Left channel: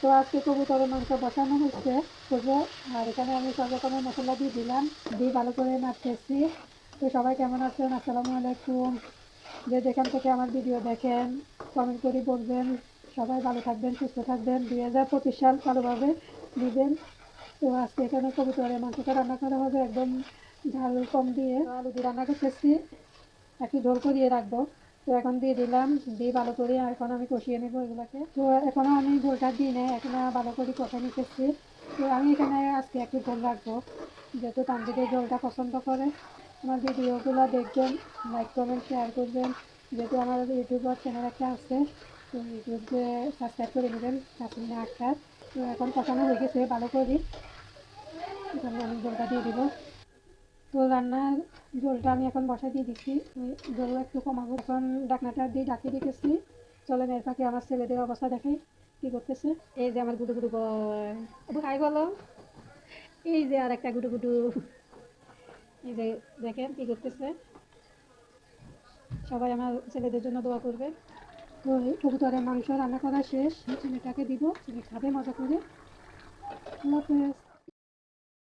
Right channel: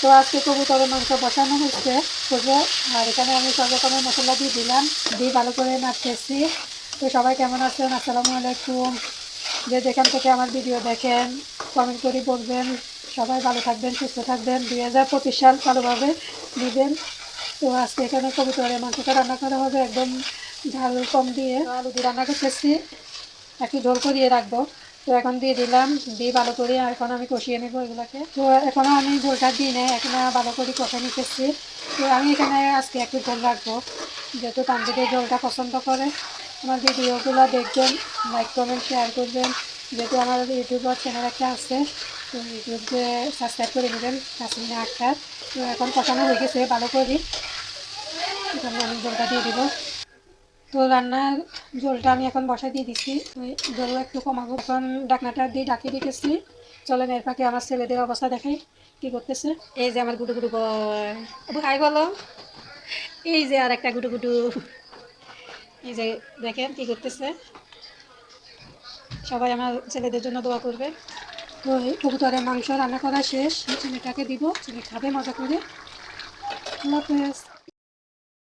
তো আজকে কবুতরের মাংস বসানো হচ্ছে বুঝে। আর এখানে আমি সব রকমের মশলা দিয়ে দিলাম, দিয়ে ভালো করে নাড়তেছি। তো সবাই কেমন আছেন? আসসালামু আলাইকুম। যে যেখান থেকে আমার ভিডিও দেখেন কমেন্ট করে বলবেন। সবাই ভালো থাকবেন, সুস্থ থাকবেন, 2025 সাল ভালোভাবে দিবেন। তো আজকে এখানে কবুতরের মাংসটা রান্না করা হবে একদম ঝাল কম দিয়ে। আলু দিয়ে রান্না করতেছি, একটু ঝোল করিয়ে রাখবো। তো এখন দিয়ে দিলাম, দিয়ে ভালো করে এখন আমি কষিয়ে নেবো এগুলোকে। তো এখনও আমি ঝোলটা দিই না, এখন ভালো করে কষে নিতেছি। তো আমি এখানে আজকে একটু ঝোল রাখবো, যেহেতু তান্ত্রিকে ঝোলটা পছন্দ করে। আমার ভিডিওগুলো দেখবেন, লাইক করবেন, শেয়ার করবেন। যেহেতু আমার ইউটিউবার চ্যানেল একটা আছে, তো ইউটিউবে সাবস্ক্রাইব করে নেবেন, তাসমিনা আক্তার। তো এখন কষানো হয়ে গেছে ভালো করে, এখানে আমি ঝোলটা দিয়ে দিব। তো রান্নার ঝোলটা আমি এখন বসাই দিয়ে দিচ্ছি, ঝোল একটু কমাবো। এখন ঢাকনাটা দিয়ে ঢাকিয়ে রেখেছি। চলেন এর ফাঁকে আমার ছেলেদের অবস্থা দেখাই কি করতেছে। এই যে আমার গুডু গুডু বয়, হাই বলো। এই যে আর একটা গুডু গুডু, এই যে দেখেন কি করতেছে। সবাই আমার ছেলেদের জন্য দোয়া করবে। তো এই কবুতরের মাংস রান্না করা শেষ, ছেলেটাকে দিব, ছেলে খাবে মজা করে। আল্লাহ হাফেজ।